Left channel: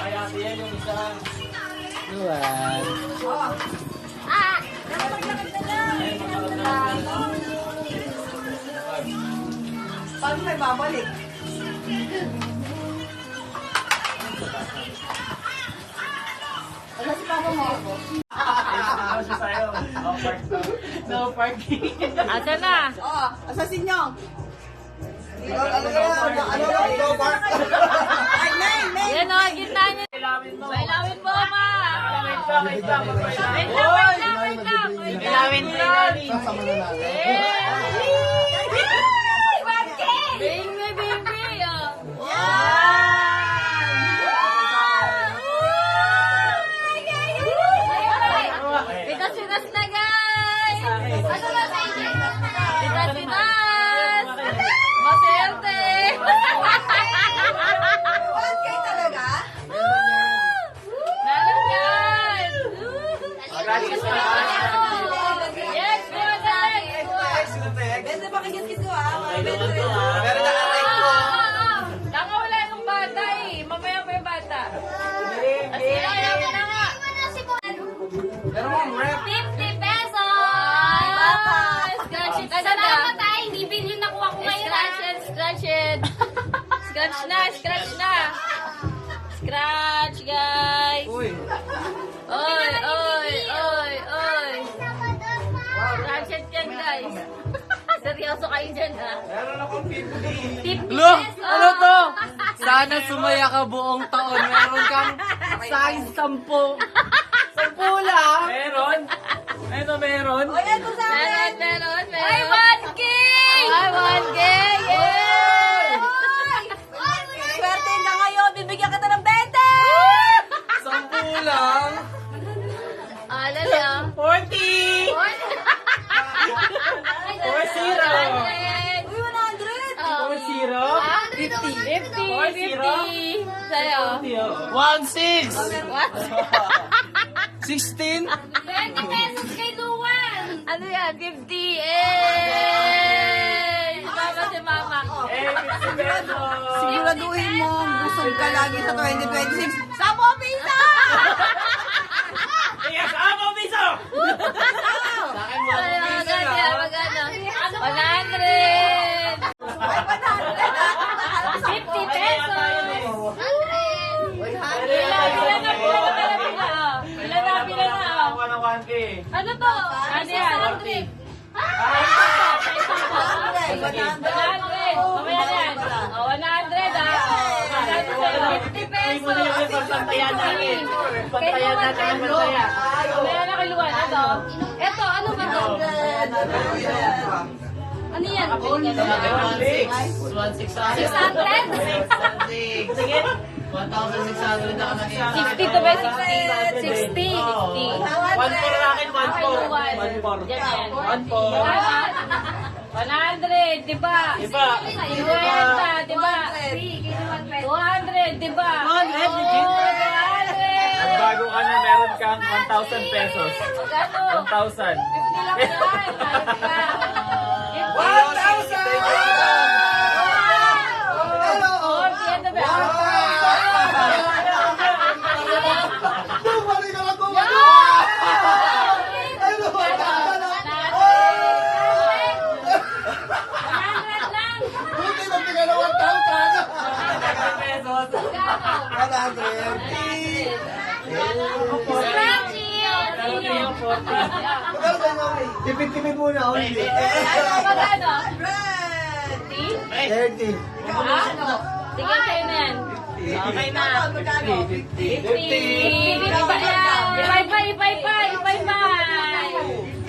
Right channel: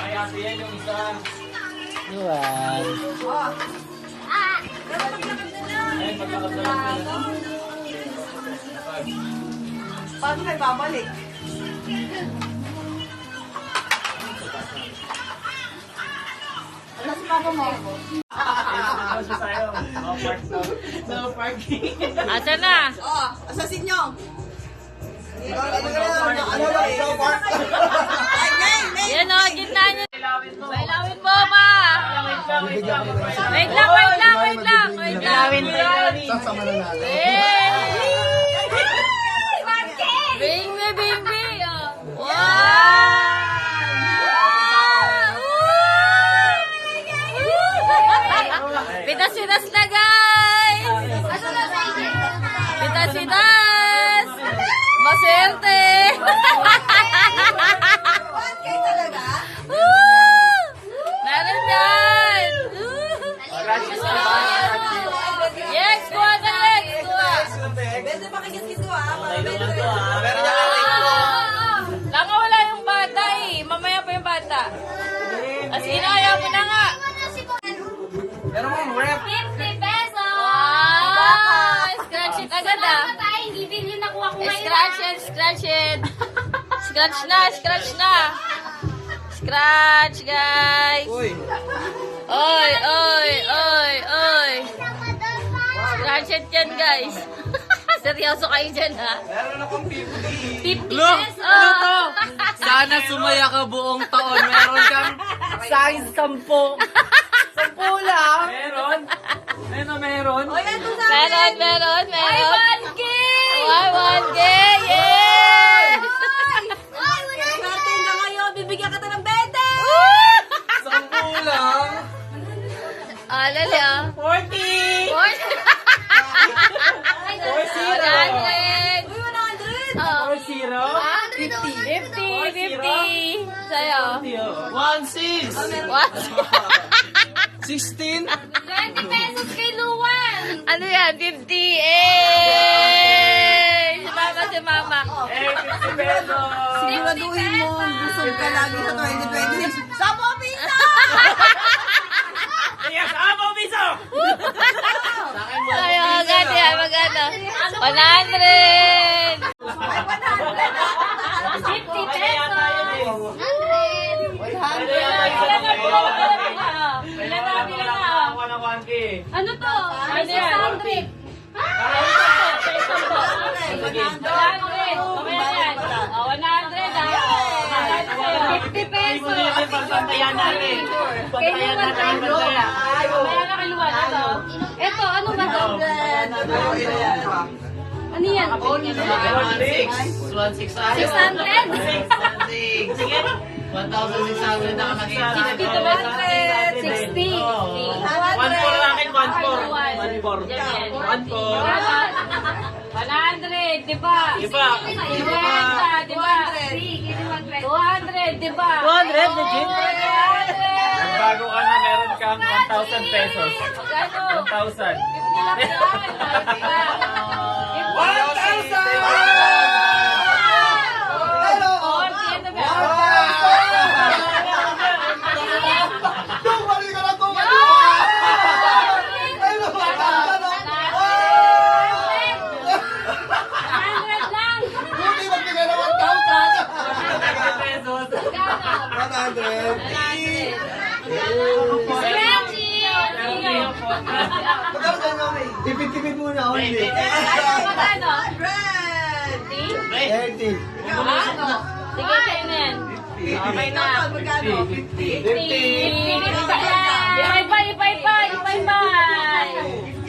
Kaya siya yung isa. Luwan. Paano may babalik? Ano si papa mo? No parking. Asa na? Oo, asasin nyo. Yan o, gitna niya. Ilawin po, ma. Wait lang. Ilawin mo yan. Bing. Pitas na, guys. Pitas. Maswerte. Okay talaga? Meron yan. Yes, buwan. Besa pa kagis-gis ko ah. Meron na kamay ko. Wala yung bata eh. Mamaya pa yung bata. As in, ayaw mo na nga. Pero mo, rep. 50 pesos! Scratch it agad ah. Salamat ay, hindi bilhin ako ngayon. Scratch it. Scratch na. Scratch, guys. Uy. Oy. Scratch it yan, guys. Seryoso kayo dyan, ha? Meron akong 50. 50 Look! pesos. Ano to? Sana sumaya ka buong taon. Meron kang size 10. 10 lang. Meron? Meron? O yan, ito sa akin. Meron. Ay, 1K! Ay, 1K! Yay! Swerte na ngayon, bibigyan kita ng 10 lang. Alala. 40! 40! 20. Uy, 100. 40? 50. Sa'yo. 16! What? 16? 20 pesos kay Luwan! Ano yan? 50. Eh! Si mama ko. 50 pesos! Siguraduhin mo, busog ka lagi sa 2026. Sabo pizza! Yes, amo piso! Sa akin mo. Ay, maganda yan, maganda. 100. 50 pesos! 100! Ano to? Ano yan? 100! Ay, 100. Okay na yan. 100 ha. 50 pesos. Pantayan natin. Pantayan natin. Kaya na kiluan. Ito. Ito, ano ba to? Ano yan? 1,600. 1,600 na ka nakita. 60 to ba? 60. 1,400 akin, 1,400. 100, di ba? Iba. 50, di ba? 200, di ba? 200, legit? 200. Bago ka na, meron kang 1,000 pesos. 1,000. 100. Tipid-tipid muna ako. 30. 30. Okay na. 50. 50. 50.